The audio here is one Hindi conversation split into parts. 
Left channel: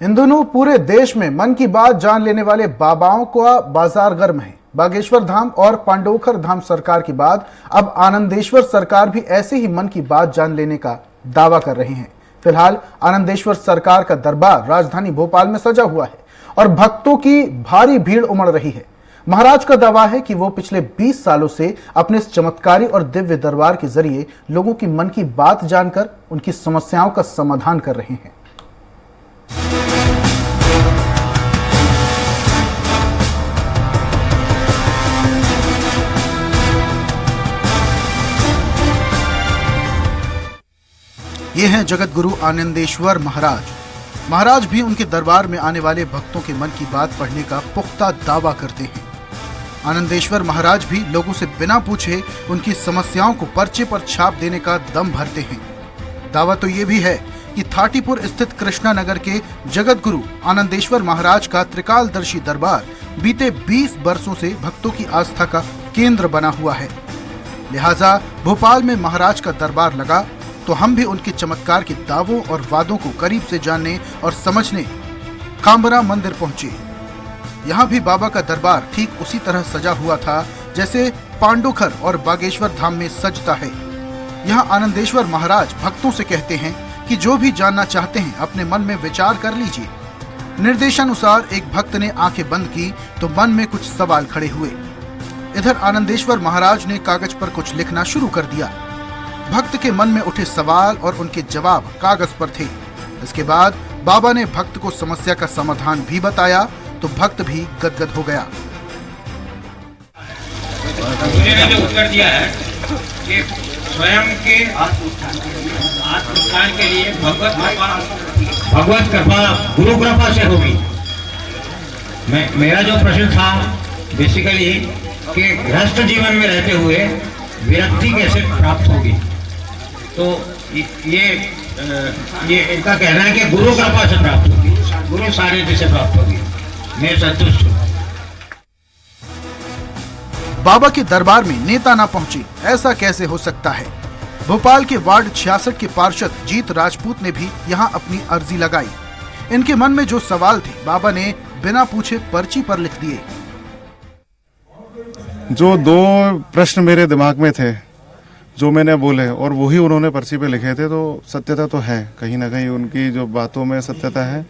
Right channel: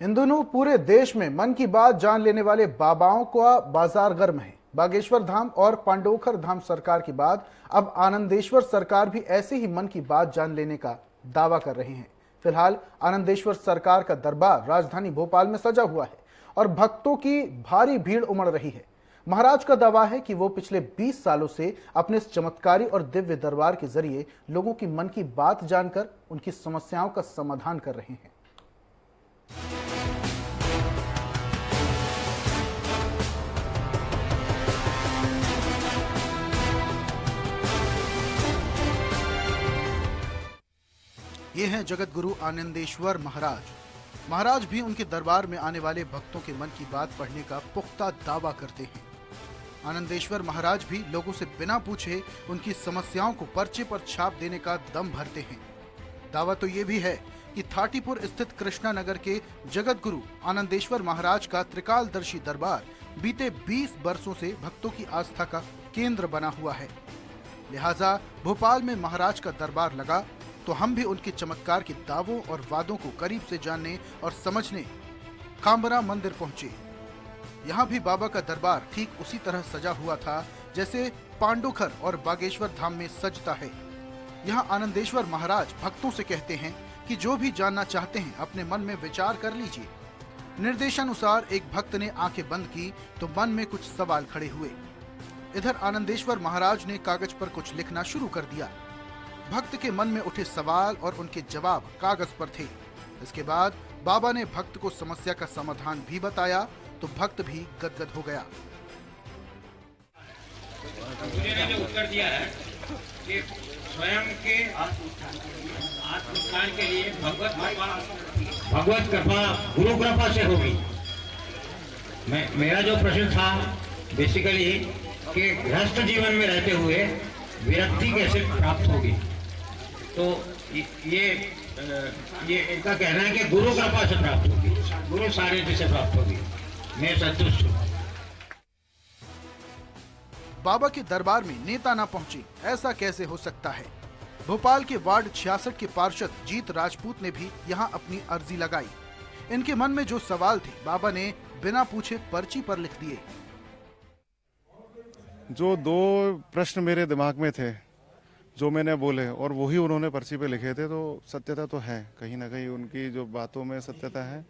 इन दिनों पूरे देश में मन की बात जान लेने वाले बाबाओं का बाजार गर्म है। बागेश्वर धाम और पांडोखर धाम सरकार के बाद अब आनंदेश्वर सरकार भी ऐसे ही मन की बात जान लेने का दावा कर रहे हैं। फिलहाल आनंदेश्वर सरकार का दरबार राजधानी भोपाल में सजा हुआ है और भक्तों की भारी भीड़ उमड़ रही है। महाराज का दावा है कि वो पिछले 20 सालों से अपने इस चमत्कारी और दिव्य दरबार के जरिए लोगों की मन की बात जानकर उनकी समस्याओं का समाधान कर रहे हैं। ये हैं जगत गुरु आनंदेश्वर महाराज भी उनके दरबार में आने वाले भक्तों के मन की बात पढ़ने का पुख्ता दावा करते हैं। आनंदेश्वर महाराज भी लोगों से बिना पूछे उनकी समस्याओं को पर्चे पर छाप देने का दम भरते हैं। दावा तो ये भी है कि थाटीपुर स्थित कृष्णा नगर के जगत गुरु आनंदेश्वर महाराज का त्रिकालदर्शी दरबार बीते 20 वर्षों से भक्तों की आस्था का केंद्र बना हुआ है। लिहाजा भोपाल में महाराज का दरबार लगा तो हम भी उनके चमत्कार के दावों और वादों को करीब से जानने और समझने कांबरा मंदिर पहुंचे। यहाँ भी बाबा का दरबार ठीक उसी तरह सजा हुआ था जैसे पांडोखर और बागेश्वर धाम में सजता है। यहाँ आनंदेश्वर महाराज भक्तों से कहते हैं कि जो भी जानना चाहते हैं अपने मन में विचार कर लीजिए। निर्देशानुसार एक भक्त ने आंखें बंद की तो मन में कुछ सवाल खड़े हुए। इधर आनंदेश्वर महाराज ने कागज पर कुछ लिखना शुरू कर दिया। भक्त के मन में उठे सवाल और उनके जवाब कागज पर थे। इसके बाद बाबा ने भक्त को समस्या का समाधान भी बताया तो भक्त भी गदगद हो गया। उन्होंने जो उत्तर दिया है कि स्वयं के आत्मज्ञान के लिए भगवत कृपा गुरु कृपा से होगी। मेरा जो प्रश्न था बेसिकली कि गृहस्थ जीवन में रहते हुए विरक्ति कैसे प्राप्त होगी, तो ये इनका कहना है कि गुरु कृपा से प्राप्त होगी, गुरु सानिध्य से प्राप्त होगी। मैं संतुष्ट हूँ। बाबा के दरबार में नेता ना पहुंचे, ऐसा कैसे हो सकता है। भोपाल के वार्ड 66 के पार्षद जीत राजपूत ने भी यहां अपनी अर्जी लगाई। इनके मन में जो सवाल थे बाबा ने बिना पूछे पर्ची पर लिख दिए। जो दो प्रश्न मेरे दिमाग में थे जो मैंने बोले और वही उन्होंने पर्ची पे लिखे थे, तो सत्यता तो है, कहीं ना कहीं उनकी जो बातों में सत्यता है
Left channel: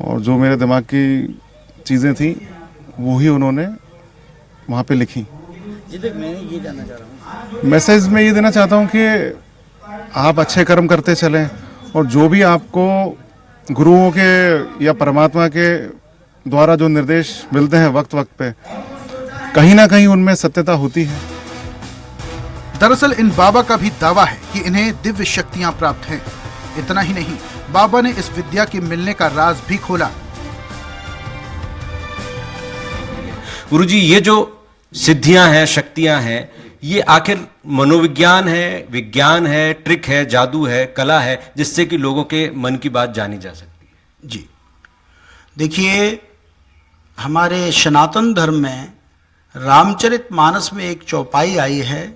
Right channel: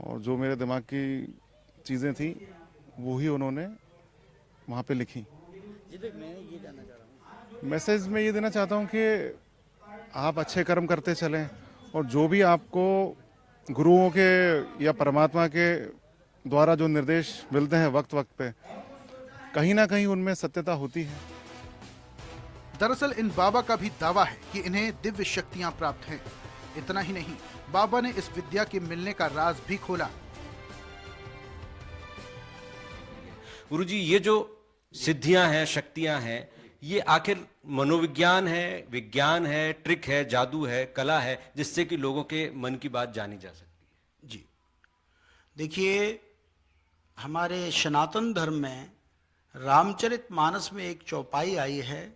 और जो मेरे दिमाग की चीज़ें थी वही उन्होंने वहाँ पे लिखी। मैं ये जानना चाह रहा हूँ, मैसेज में ये देना चाहता हूँ कि आप अच्छे कर्म करते चलें और जो भी आपको गुरुओं के या परमात्मा के द्वारा जो निर्देश मिलते हैं वक्त वक्त पे, कहीं ना कहीं उनमें सत्यता होती है। दरअसल इन बाबा का भी दावा है कि इन्हें दिव्य शक्तियां प्राप्त हैं। इतना ही नहीं, बाबा ने इस विद्या के मिलने का राज भी खोला। गुरुजी, ये जो सिद्धियां हैं, शक्तियां हैं, ये आखिर मनोविज्ञान है, विज्ञान है, ट्रिक है, जादू है, कला है, जिससे कि लोगों के मन की बात जानी जा सकती है? जी देखिए, हमारे सनातन धर्म में रामचरितमानस में एक चौपाई आई है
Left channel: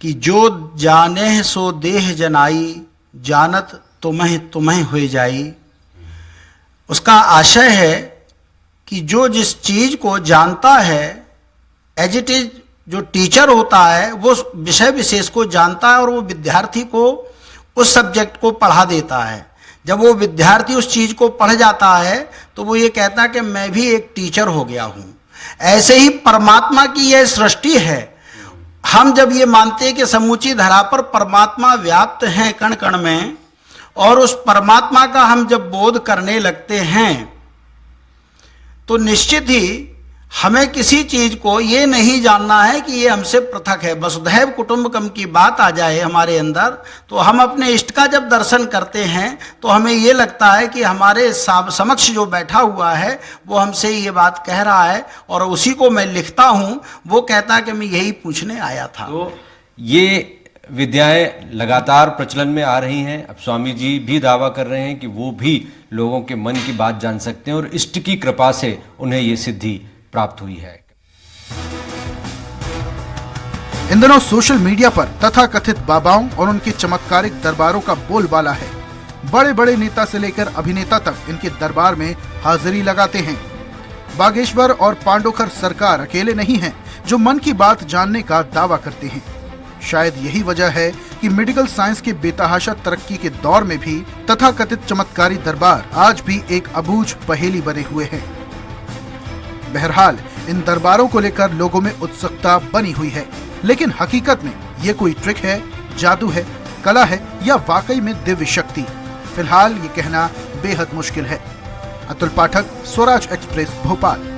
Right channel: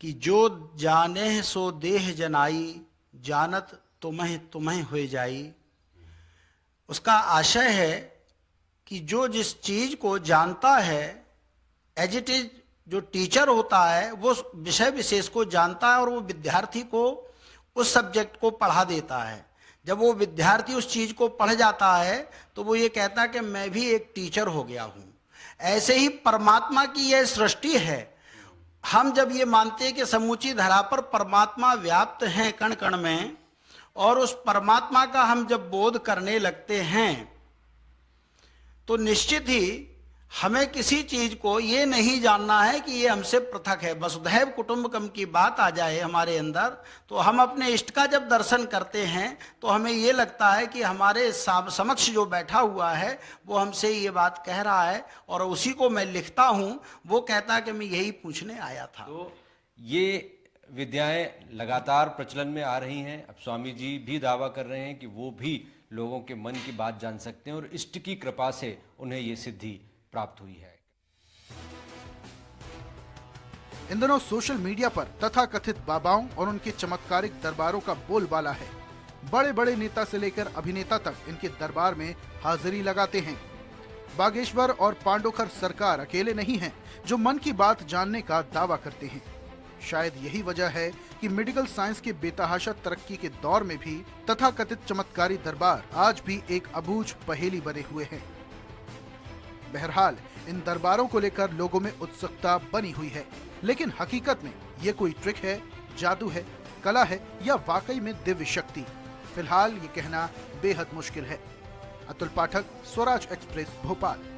कि जो जाने सो देह जनाई, जानत तुम्हें हो जाई। उसका आशय है कि जो जिस चीज को जानता है, एज इट इज जो टीचर होता है वो विषय विशेष को जानता है और वो विद्यार्थी को उस सब्जेक्ट को पढ़ा देता है। जब वो विद्यार्थी उस चीज को पढ़ जाता है तो वो ये कहता है कि मैं भी एक टीचर हो गया हूँ। ऐसे ही परमात्मा की यह सृष्टि है। हम जब ये मानते हैं कि समूची धरा पर परमात्मा व्याप्त हैं कण कण में, और उस परमात्मा का हम जब बोध करने लगते हैं तो निश्चित ही हमें किसी चीज को ये नहीं जानना है कि ये हमसे पृथक है। वसुधैव कुटुंबकम की बात आ जाए हमारे अंदर तो हम अपने इष्ट का जब दर्शन करते हैं तो हमें ये लगता है कि हमारे समक्ष जो बैठा हुआ है वो हमसे ये बात कह रहा है और उसी को मैं लिखता हूँ। वो कहता है कि मैं यही पूछने आया था। तो ये विद्याएं लगातार प्रचलन में आ रही हैं। अब स्वामी जी भी दावा कर रहे हैं कि वो भी लोगों के मन की बात जान सकते हैं और इष्ट की कृपा से उन्हें ये सिद्धि प्राप्त हुई है। इन दिनों सोशल मीडिया पर तथाकथित बाबाओं और उनके चमत्कारिक दरबारों का बोलबाला है। बड़े बड़े नेता से लेकर अभिनेता तक इनके दरबार में हाजिरी लगाते हैं। बागेश्वर और पांडोखर सरकार अकेले नहीं हैं जो मन की बात जानने का दावा करते हैं। शायद यही वजह है कि मेडिकल साइंस के बेतहाशा तरक्की के दौर में भी तथाकथित चमत्कारी दरबार आज भी एक अबूझ पहेली बने हुए हैं। बहरहाल इन दरबारों को लेकर लोगों में उत्सुकता बनी हुई है, लेकिन हकीकत में ये कोई ट्रिक है, जादू है, कला है या वाकई में दिव्य शक्ति, फिलहाल ये कहना बेहद मुश्किल है। अतुल पाठक, स्वराज एक्सप्रेस, भोपाल।